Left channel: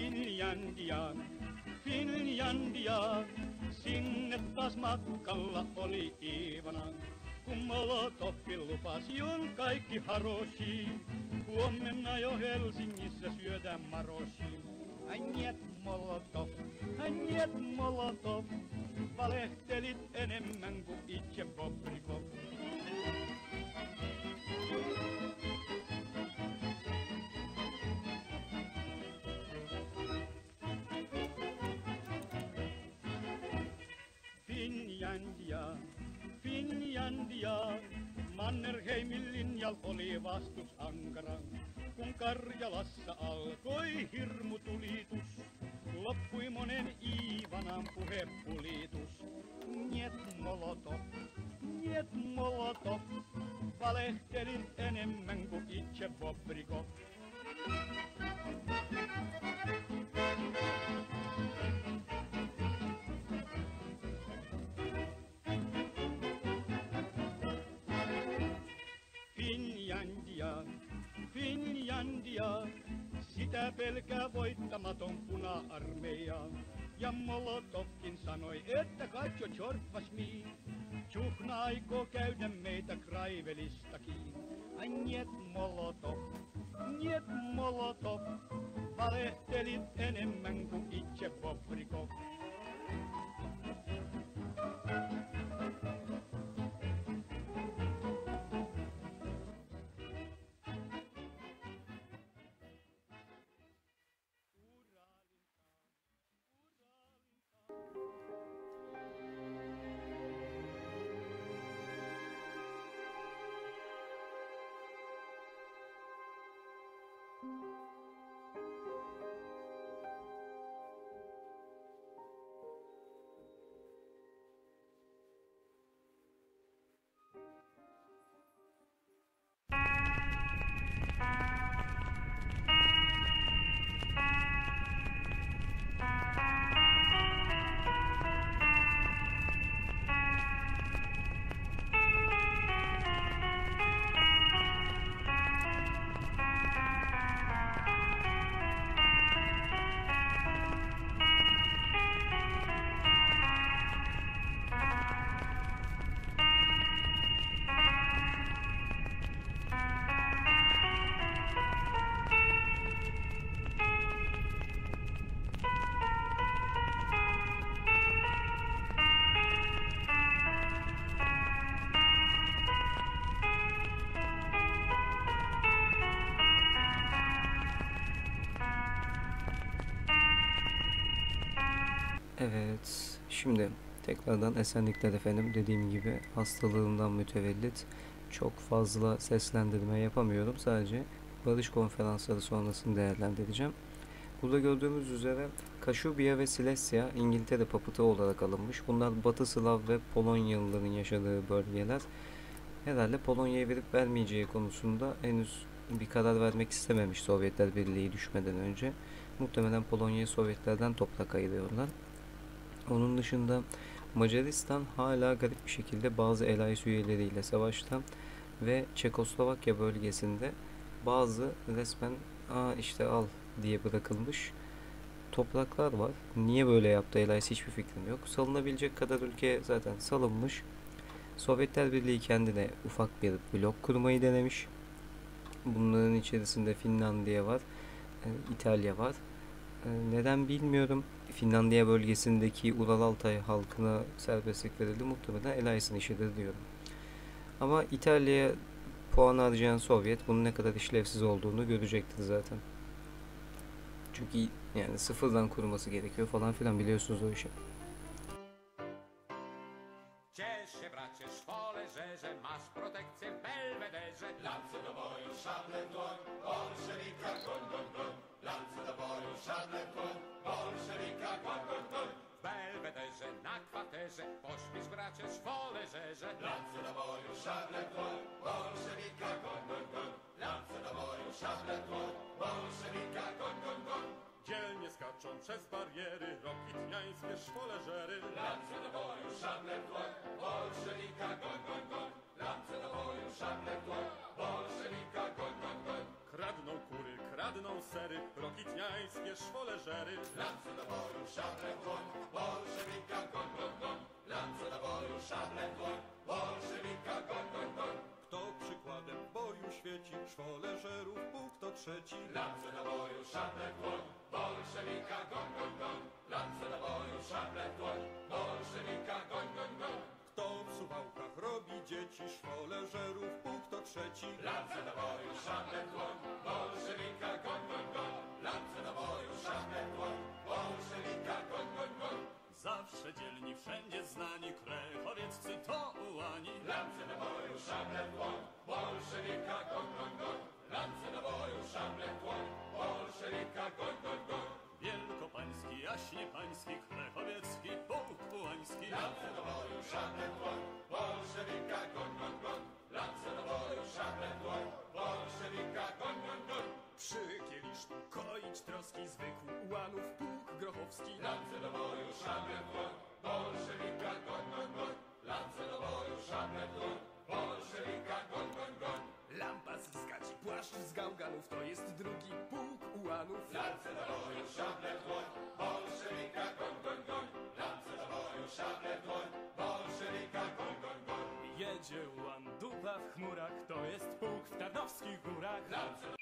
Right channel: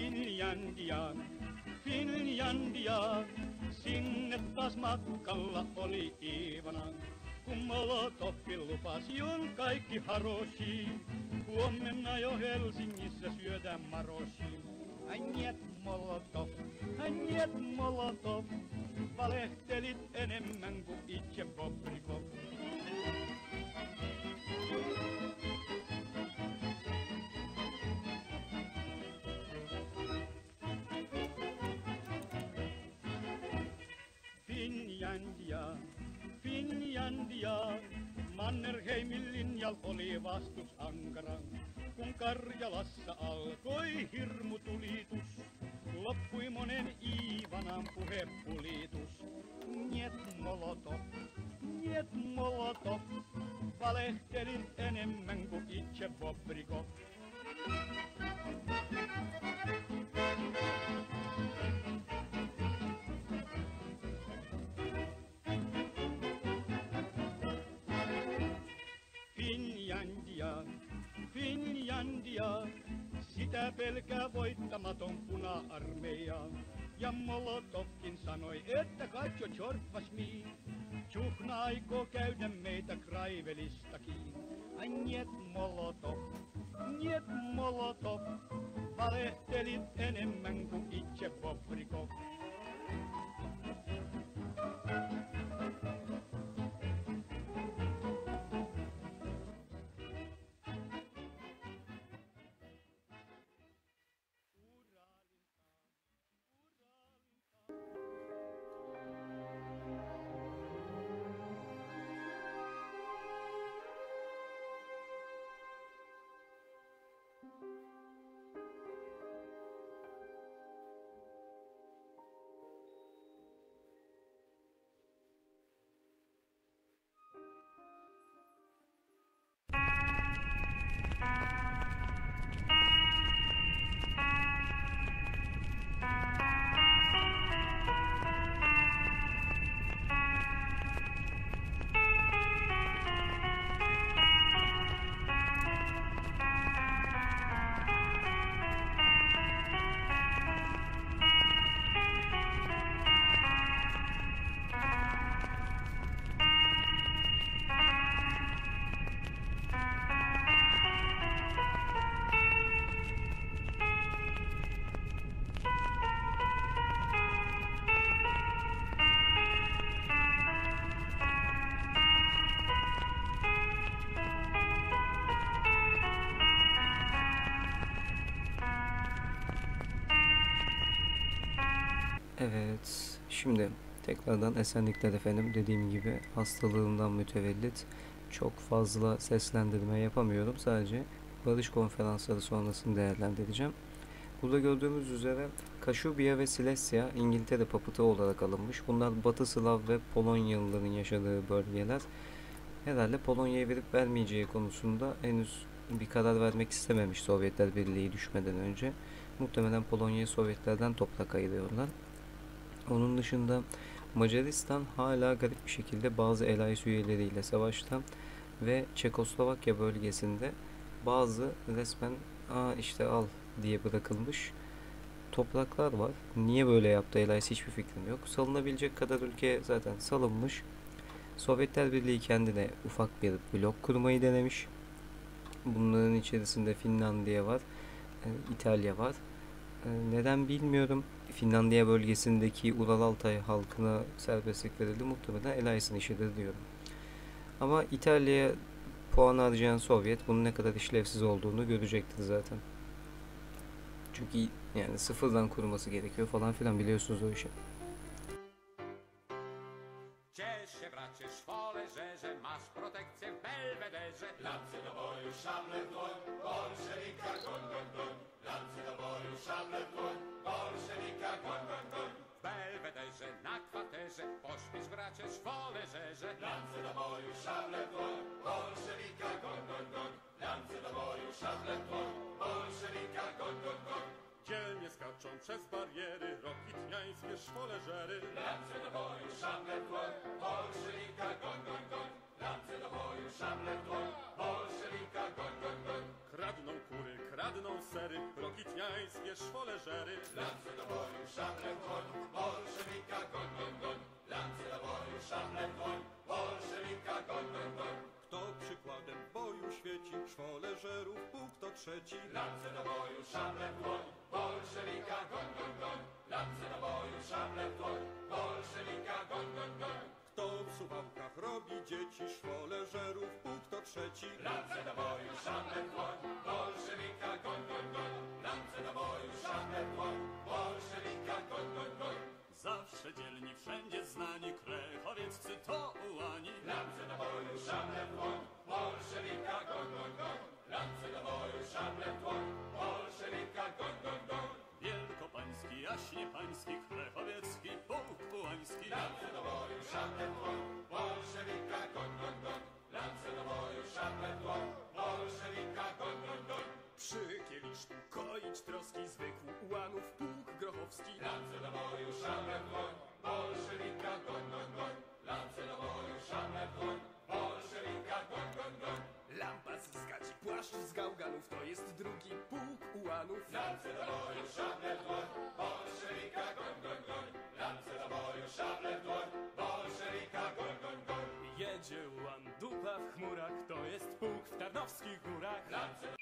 Finlandia, Finlandia, sinne taas matkalla oli Iivana. Kun Molotovkin lupasi on kaikki haroshi, huomenna jo Helsingissä syödään maroshi. Njet Molotov, valehtelit enemmän kuin itse Bobrikov. Finlandia, Mannerheimin linjal oli vastus ankara. Kun Karjalassa alkoi hirmutulitus, loppui monen Iivanan puhepulitus. Njet Molotov, valehtelit enemmän kuin itse Bobrikov. Minä pelkään voittamaton puna-armeija. Ja Molotovkin sanoi, että Katjo Tjorppas mii. Tjuhna aikoo käydä meitä Kraivelistakin. Ai niet Molotov, valehtelit enemmän kuin itse Bobrikov. Evet, şimdi tekrardan esenlikler efendim. Dediğim gibi hastalığımdan mütevellit çok fazla seslendirme yapamıyorum. Sadece barış konferansları sonrasını değerlendireceğim. Burada gördüğümüz üzere Kashubia ve Silesia İngiltere papıtı olarak alınmış. Bunlar Batı Slav ve Polonyalıların yaşadığı bölgeler. Herhalde Polonya'ya verip vermeyeceği konusunda henüz bir karar vermek istememiş Sovyetler Birliği düşmeden önce. Muhtemelen Polonya'ya Sovyetlerden toprak ayırıyorlar. Onun dışında Macaristan hala garip bir şekilde bazı Elayis üyeleriyle savaşta ve Çekoslovakya bölgesinde bazı resmen işte al diye bırakılmış topraklar var. Niye böyle yaptı Elayis hiçbir fikrim yok. Salınabilecek kadar ülke zaten salınmış. Sovyetler Birliği kendine ufak bir blok kurmayı denemiş. Bunların içerisinde Finlandiya var, İtalya var. Neden bilmiyorum. Finlandiya bölgesindeki Ural Altay halkına serbestlik verildi. Muhtemelen Elayis'in işidir diyorum. Ama İtalya'ya puan harcayan Sovyet bunun ne kadar işlevsiz olduğunu görecektir zaten. Çünkü yani sıfırdan kurması gerekiyor falan filan, biliyorsunuz o işi. Ciesz się, bracie, szwolerze, masz protekcję w Belwederze. Lance do boju, szable w dłoń, bolszewika, goń, goń, goń. Lance do boju, szable w dłoń, bolszewika, goń, goń, goń. W Belwederze, na kwaterze, pośpiesz, bracie, szwolerze. Lance do boju, szable w dłoń, bolszewika, goń, goń, goń. Lance do boju, szable w dłoń, bolszewika, goń, goń, goń. Dzielnie skaczą przez bariery rokitniańskie szwoleżery. Lance do boju, szable w dłoń, bolszewika, goń, goń, goń. Lance do boju, szable w dłoń, bolszewika, goń, goń, goń. Kradną kury, kradną sery rokitniańskie szwoleżery. Lance do boju, szable w dłoń, bolszewika, goń, goń, goń. Lance do boju, szable w dłoń, bolszewika, goń, goń, goń. Kto przykładem w boju świeci, szwoleżerów Bóg to trzeci. Lance do boju, szable w dłoń, bolszewika, goń, goń, goń. Lance do boju, szable w dłoń, bolszewika, goń, goń, goń. Kto w Suwałkach robi dzieci, szwoleżerów Bóg to trzeci. Lance do boju, szable w dłoń, bolszewika, goń, goń, goń. Lance do boju, szable w dłoń, bolszewika, goń, goń, goń. Zawsze dzielni, wszędzie znani, krechowieccy to ułani. Lance do boju, szable w dłoń, bolszewika, goń, goń, goń. Lance do boju, szable w dłoń, bolszewika, goń, goń, goń. Wielkopański, jaśnie pański, krechowiecki, pułk ułański. Lance do boju, szable w dłoń, bolszewika, goń, goń, goń. Lance do boju, szable w dłoń, bolszewika, goń, goń, goń. Przy kieliszku koić troski zwykł ułanów pułk grochowski. Lance do boju, szable w dłoń, bolszewika, goń, goń, goń. Lance do boju, szable w dłoń, bolszewika, goń, goń, goń. Lampas z gaci, płaszcz z gałganów, to jest drugi pułk ułanów. ułanów. Lance do boju, szable w dłoń, bolszewika, goń, goń, goń. Lance do boju, szable w dłoń, bolszewika, goń, goń, goń. Jedzie ułan, dupa w chmurach, to jest pułk w Tarnowskich Górach. Lance do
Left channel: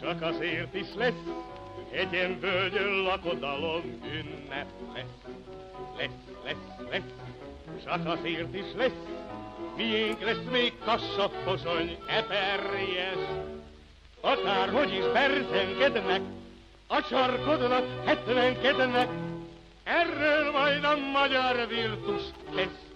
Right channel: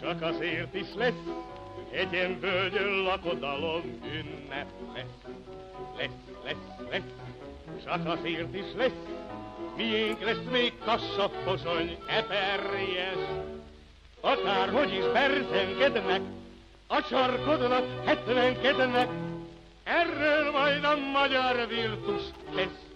Csak azért is lesz egy ilyen völgyön lakodalom ünnep lesz, csak azért is lesz, miénk lesz még Kassa, Pozsony, Eperjes. Akárhogy is berzenkednek, a sarkodnak, hetvenkednek, erről majd a magyar virtus tesz.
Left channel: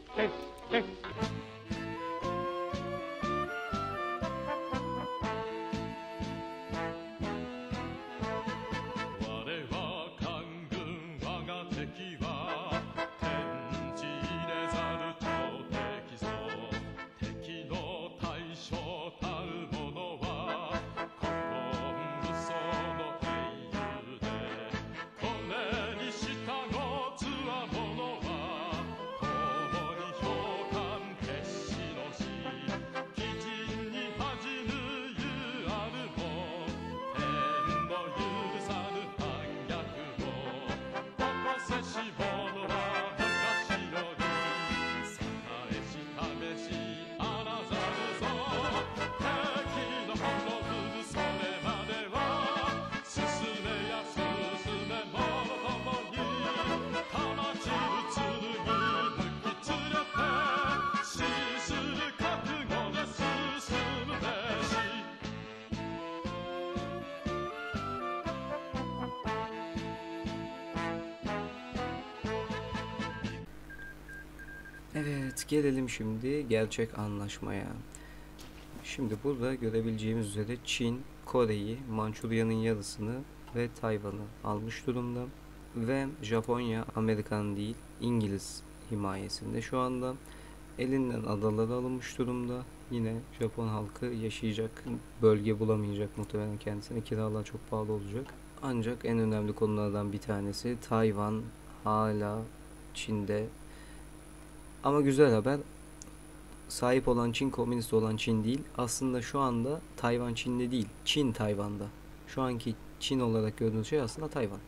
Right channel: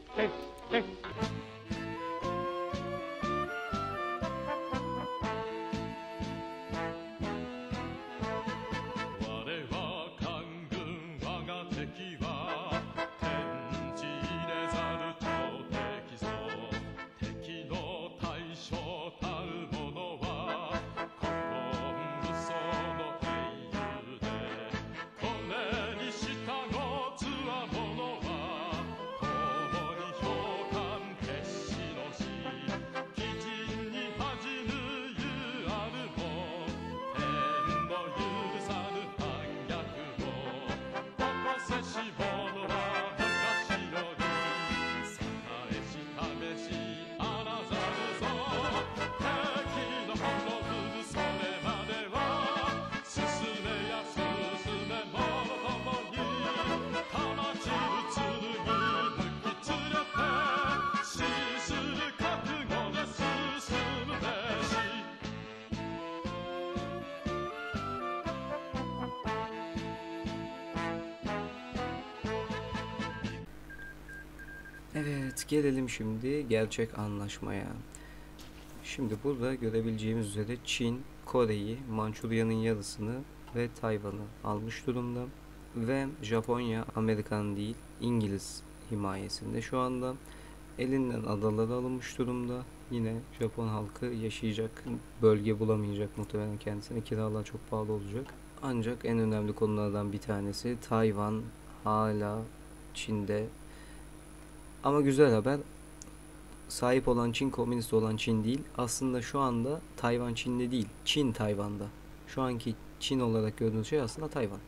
Evet, gelelim şimdi gerçek anlaşmaya. Şimdi burada görebileceğimiz üzere Çin, Kore'yi, Mançurya'nın yarısını ve Tayvan'ı almış durumda. Ve Japonya, Amerikan değil, İngiliz himayesinde şu anda. Elinden adaları alınmış durumda. Yine Japon halkı yaşayacak bölge bulamayacak muhtemelen kendisine. Kiralar çok pahalı olacak. Ancak en önemli konulardan bir tanesi Tayvan hala Çin'de. Ama güzel haber, sahip olan Çin komünist olan Çin değil. Aslında şu anda Tayvan Çin'de değil, Çin Tayvan'da. Şu anki Çin olarak gördüğünüz şey aslında Tayvan.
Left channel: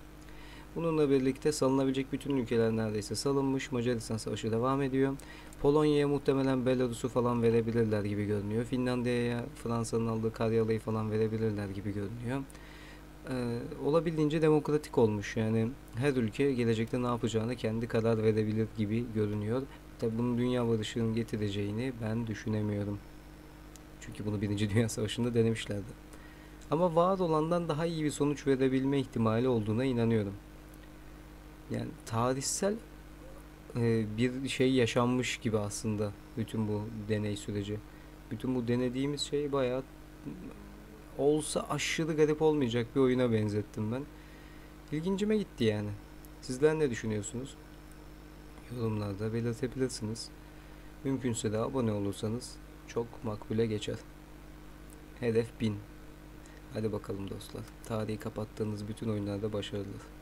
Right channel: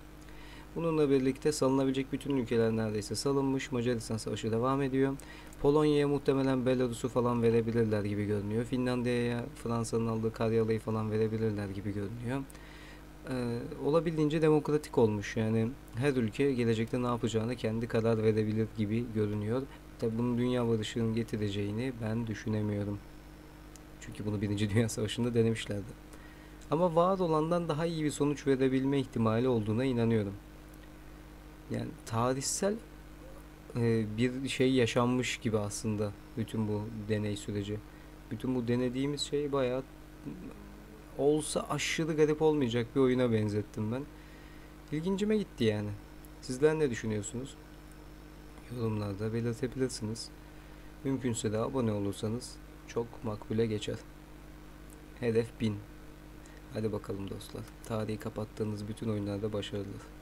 Bununla birlikte salınabilecek bütün ülkeler neredeyse salınmış. Macaristan Savaşı devam ediyor. Polonya'ya muhtemelen Belarus'u falan verebilirler gibi görünüyor. Finlandiya'ya Fransa'nın aldığı Karyalı'yı falan verebilirler gibi görünüyor. Olabildiğince demokratik olmuş. Yani her ülke gelecekte ne yapacağını kendi karar verebilir gibi görünüyor. Tabi bunun dünya barışının getireceğini ben düşünemiyorum. Çünkü bunu Birinci Dünya Savaşı'nda denemişlerdi. Ama vaat olandan daha iyi bir sonuç verebilme ihtimali olduğuna inanıyorum. Yani tarihsel bir şey yaşanmış gibi aslında bütün bu deney süreci. Bütün bu denediğimiz şey bayağı olsa aşırı garip olmayacak bir oyuna benzettim ben. İlgincime gitti yani. Sizler ne düşünüyorsunuz? Yorumlarda belirtebilirsiniz. Mümkünse de abone olursanız çok makbule geçer. Hedef 1000. Hadi bakalım dostlar. Tarihi kapattığınız bütün oyunlarda başarılar.